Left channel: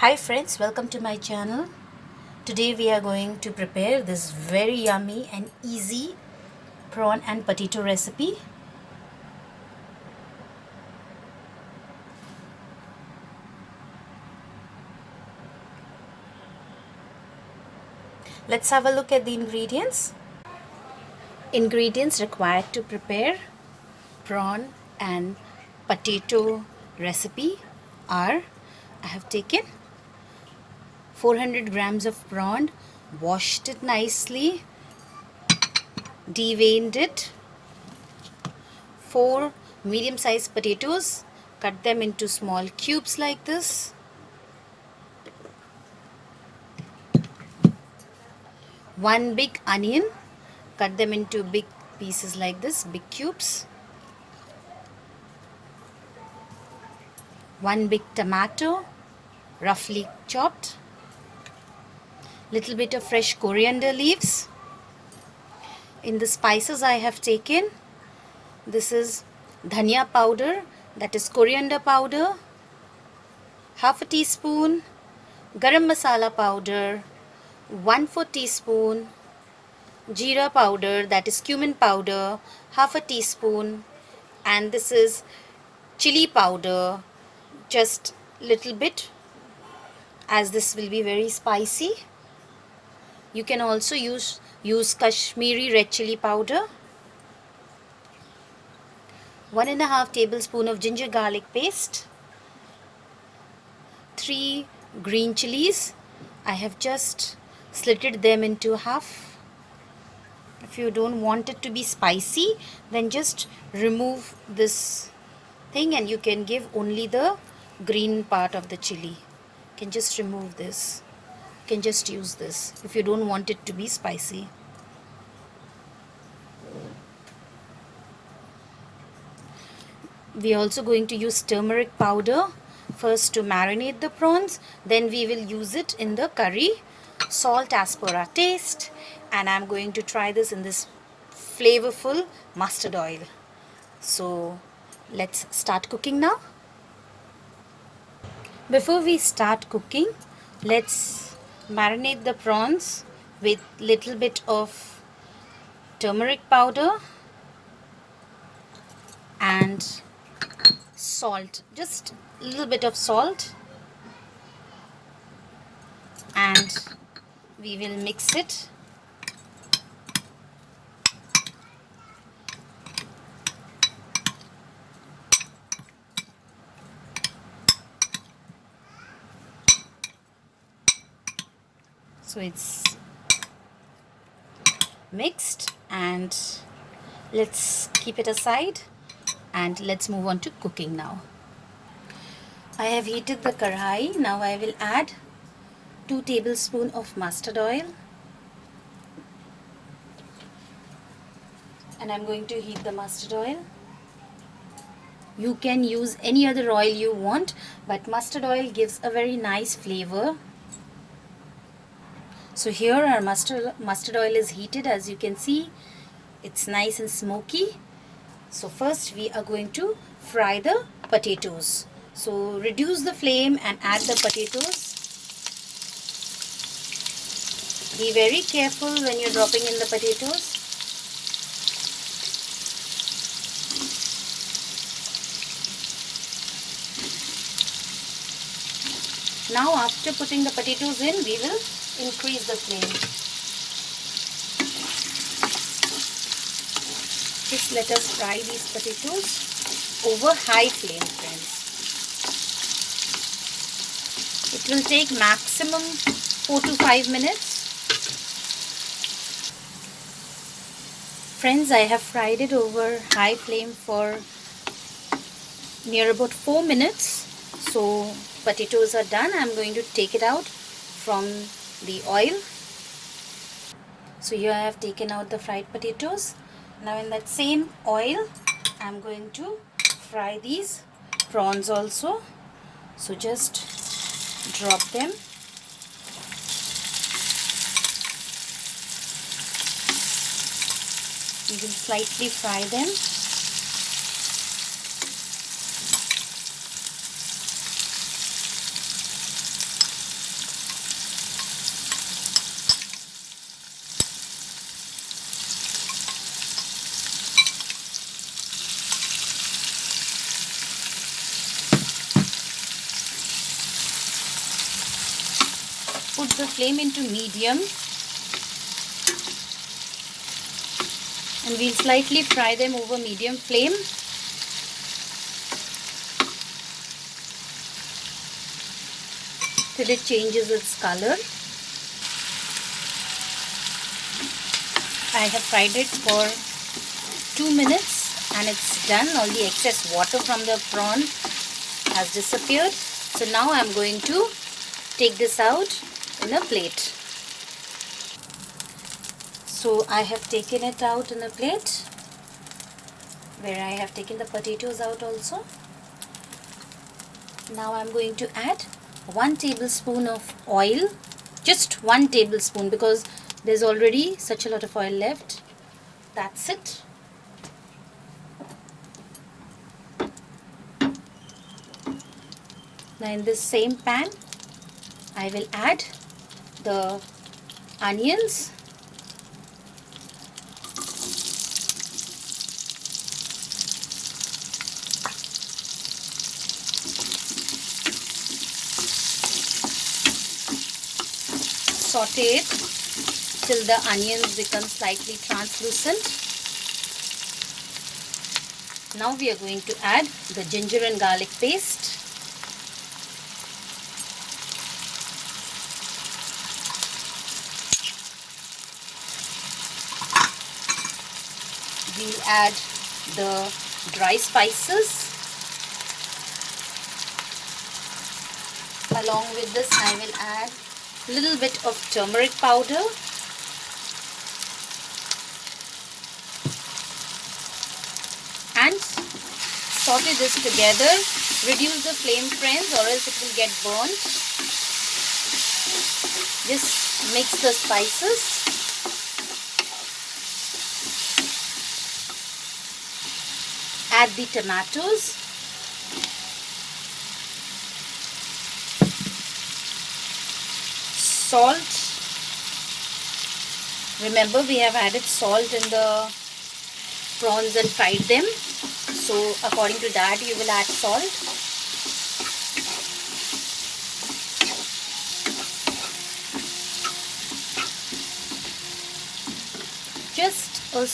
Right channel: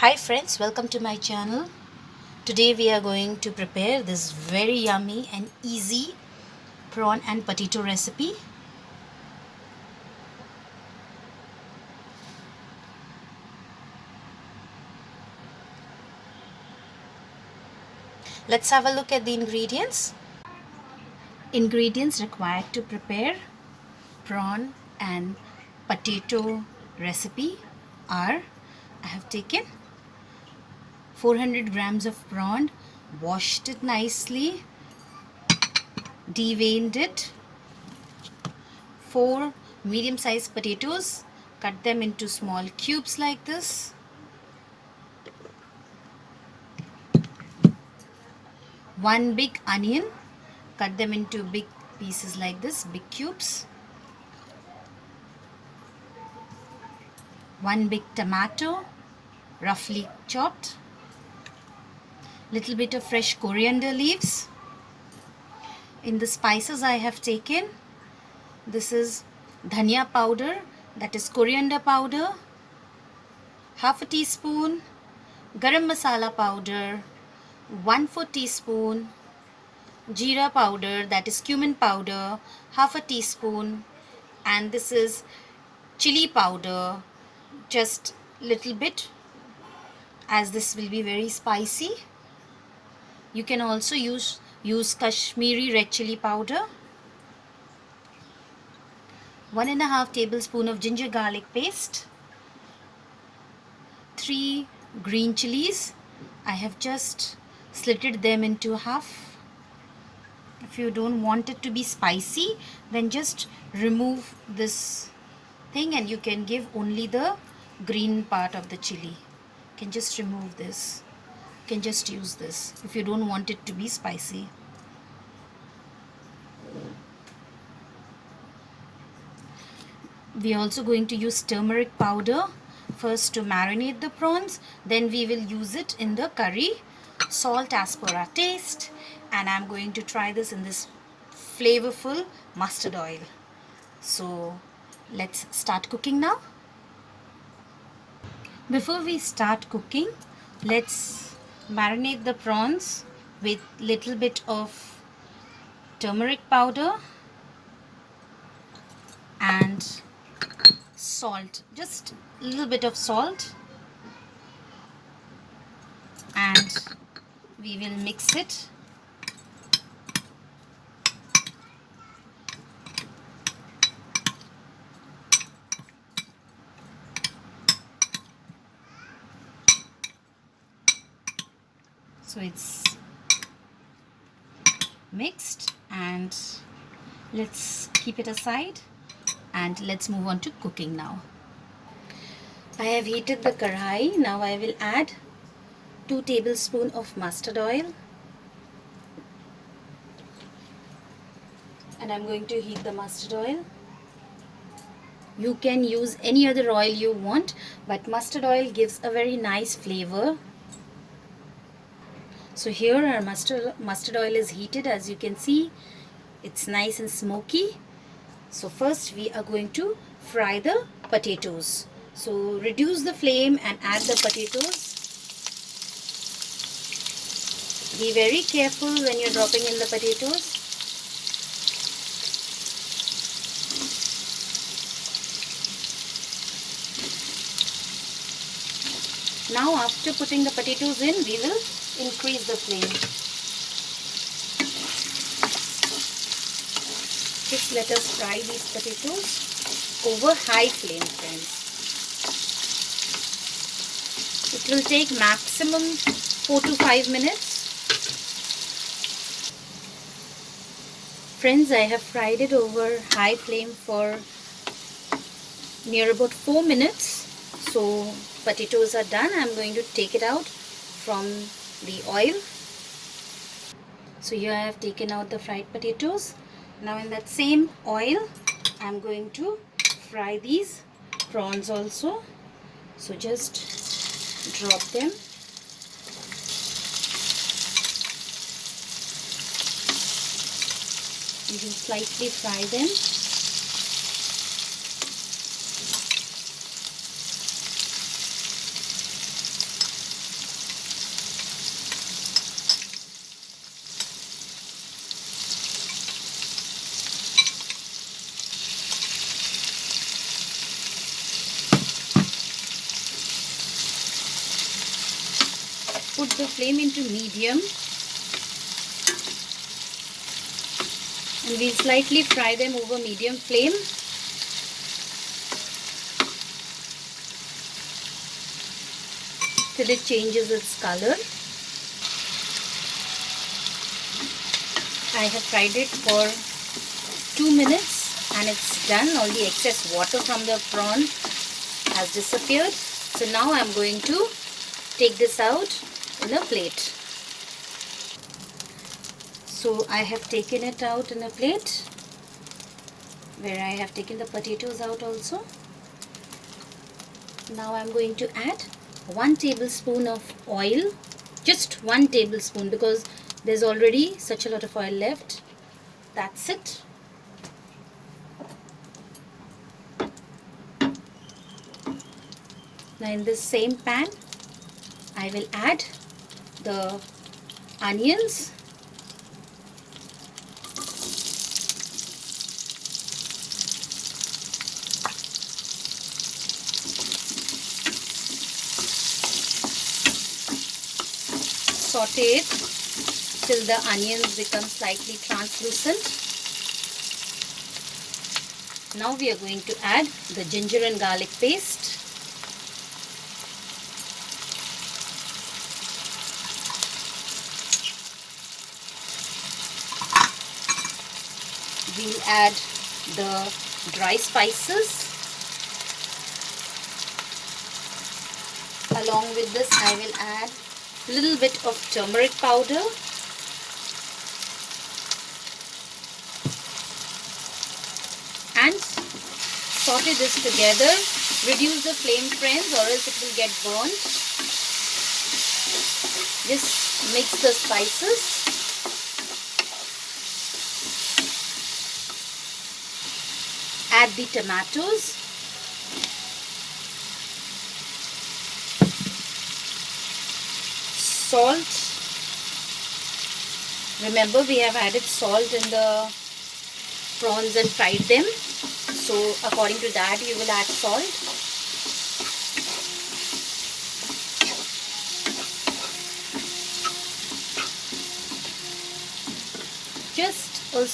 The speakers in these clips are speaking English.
Hi friends, welcome to my channel. Today we are going to prepare this very yummy and easy prawn and potato recipe. Let's have a look at the ingredients. Ingredients required to prepare prawn and potato recipe are: I have taken 400 grams of prawn, washed it nicely, deveined it, 4 medium-sized potatoes, cut them into small cubes like this, 1 big onion, cut them into big pieces like this, big cubes, 1 big tomato, roughly chopped, little bit of fresh coriander leaves. In the spices I have taken, this is dhania powder, that is coriander powder, half a teaspoon garam masala powder, 1/4 teaspoon jeera powder, that is cumin powder, half a teaspoon, and this is chili powder, just little bit, as this will be very spicy. You can also use Kashmiri red chili powder, 1.5 tablespoon of ginger garlic paste, 3 green chilies. I have just slitted them into half. If you don't want it to be spicy, then just remove this thing and you can give only the green part of the chili. You can just remove this. You can just use this if you don't want it to be spicy. We are also going to use turmeric powder first to marinate the prawns, then we will use it in the curry. Salt as per our taste, and I'm going to try this in this flavorful mustard oil. So let's start cooking now. Before we start cooking, let's marinate the prawns with little bit of turmeric powder and salt, just a little bit of salt, and we will mix it. So it's mixed, and let's keep it aside and let's move on to cooking now. I have heated the karai. Now I will add 2 tablespoons of mustard oil, and I'm going to heat the mustard oil. You can use any other oil you want, but mustard oil gives a very nice flavor. So here our mustard oil is heated. As you can see, it's nice and smoky. So first we are going to fry the potatoes. So reduce the flame and add the potatoes. Be very careful when you're dropping in the potatoes. Now after putting the potatoes in, we will increase the flame. Just let us fry these potatoes over high flame, friends. It will take maximum 4 to 5 minutes. Friends, I have fried it over high flame for near about 4 minutes. So potatoes are done. I'm going to take it out from the oil. So here I have taken out the fried potatoes. Now in that same oil, I'm going to fry these prawns also. So just drop them. You will slightly fry them. put the flame into medium and we'll slightly fry them over medium flame. Till it changes its color. I have fried it for 2 minutes and it's done. All the excess water from the prawn has disappeared. So now I'm going to take this out in a plate. So I have taken it out in a plate where I have taken the potatoes out also. Now I'm going to add 1 tablespoon of oil, just 1 tablespoon because there's already such a lot of oil left. That's it. Now in this same pan I will add the onions, saute it till the onions become slightly translucent. Now we are going to add the ginger and garlic paste. We'll add the dry spices. Along with this I will add a little bit of turmeric powder. And saute this together. Reduce the flame, friends, or else it will get burnt. Just mix the spices. Add the tomatoes. Salt. Remember, we have added salt in the prawns and fried them. So according to that you will add salt. Just a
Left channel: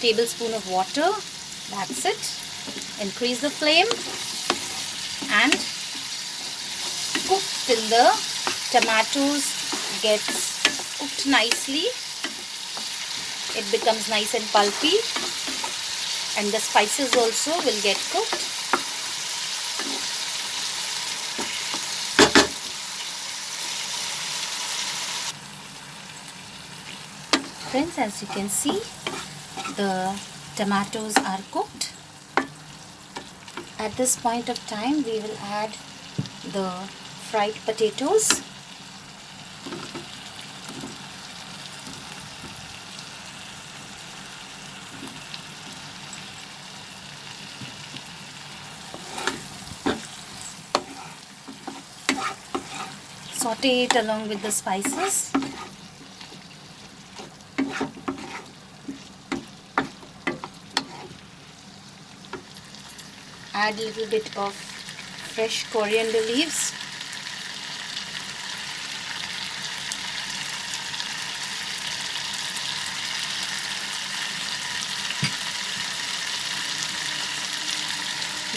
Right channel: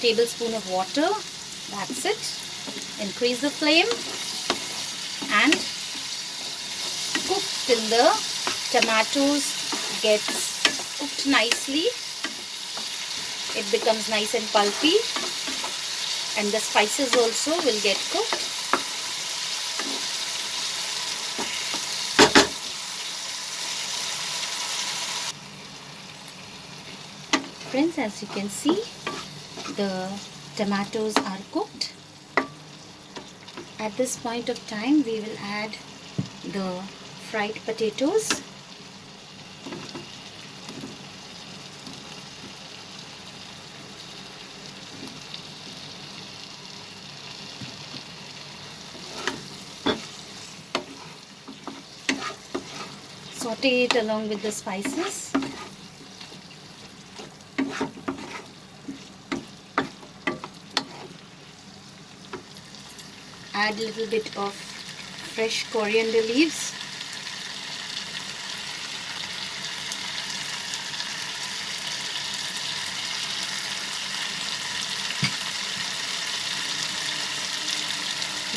tablespoon of water. That's it. Increase the flame and cook till the tomatoes gets cooked nicely. It becomes nice and pulpy and the spices also will get cooked. Friends, as you can see, the tomatoes are cooked. At this point of time we will add the fried potatoes. Saute it along with the spices. Add a little bit of fresh coriander leaves.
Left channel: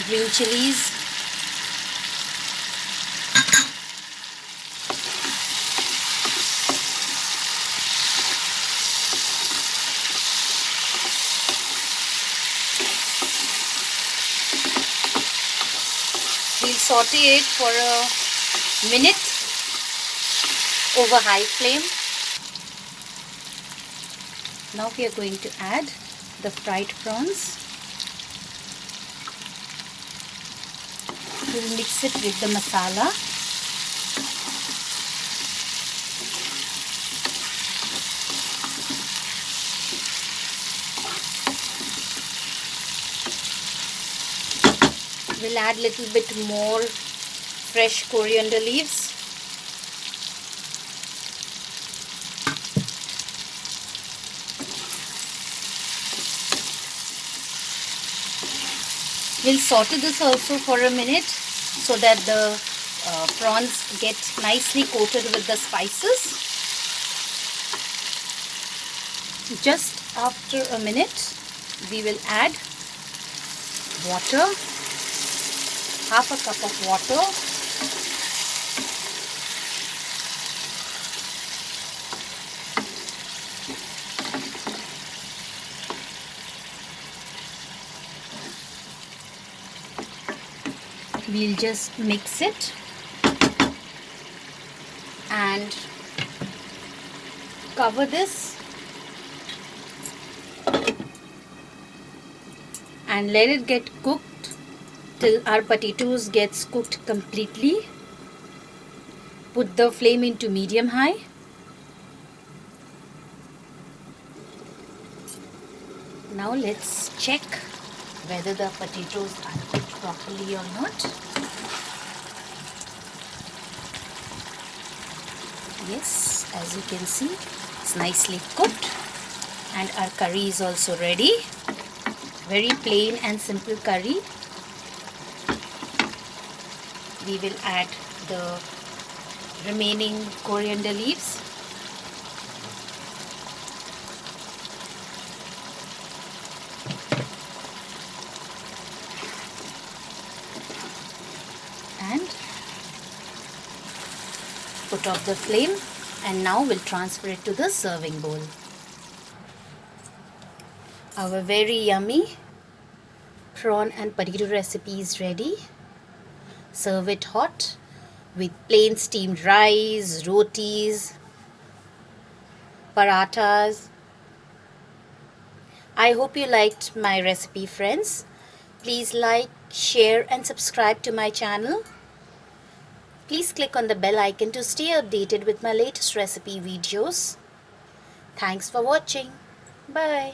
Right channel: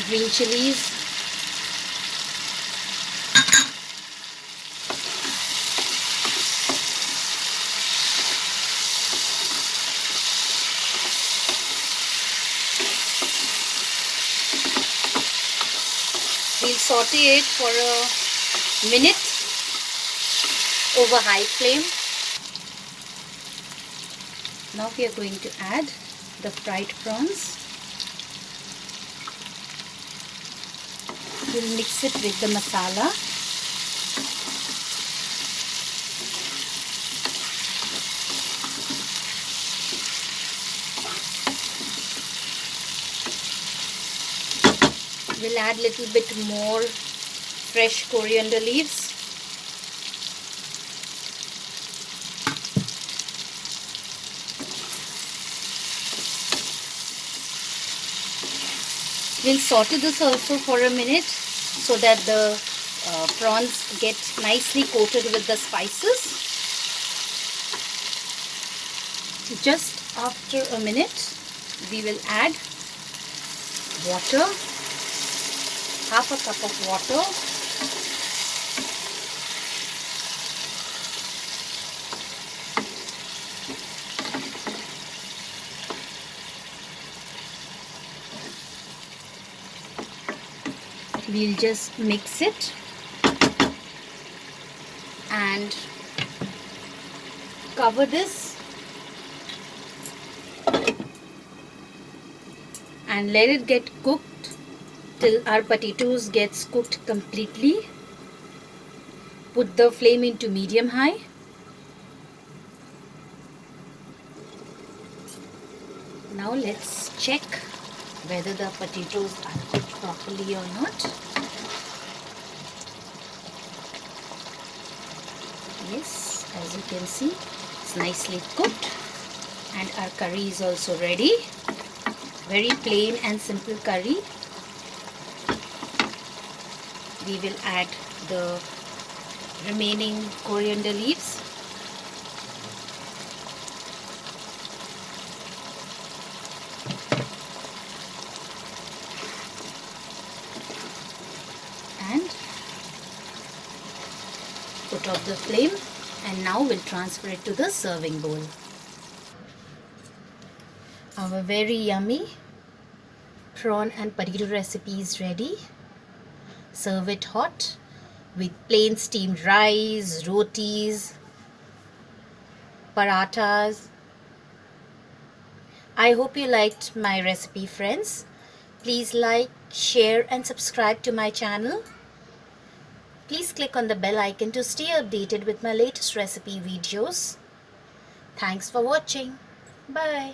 Green chilies. We'll saute it for a minute over high flame. Now we are going to add the fried prawns. We'll mix it with the masala. We'll add a little bit more fresh coriander leaves. We'll saute this also for a minute so that the prawns get nicely coated with the spices. Just after a minute, we will add water, half a cup of water. We'll just mix it and cover this and let it get cooked till our potatoes gets cooked completely. Put the flame into medium high. Now let's check whether the potatoes are cooked properly or not. Yes, as you can see, it's nicely cooked and our curry is also ready. Very plain and simple curry. We will add the remaining coriander leaves. And put off the flame, and now we'll transfer it to the serving bowl. Our very yummy prawn and potato recipe is ready. Serve it hot with plain steamed rice, rotis, parathas. I hope you liked my recipe, friends. Please like, share and subscribe to my channel. Please click on the bell icon to stay updated with my latest recipe videos. Thanks for watching. Bye.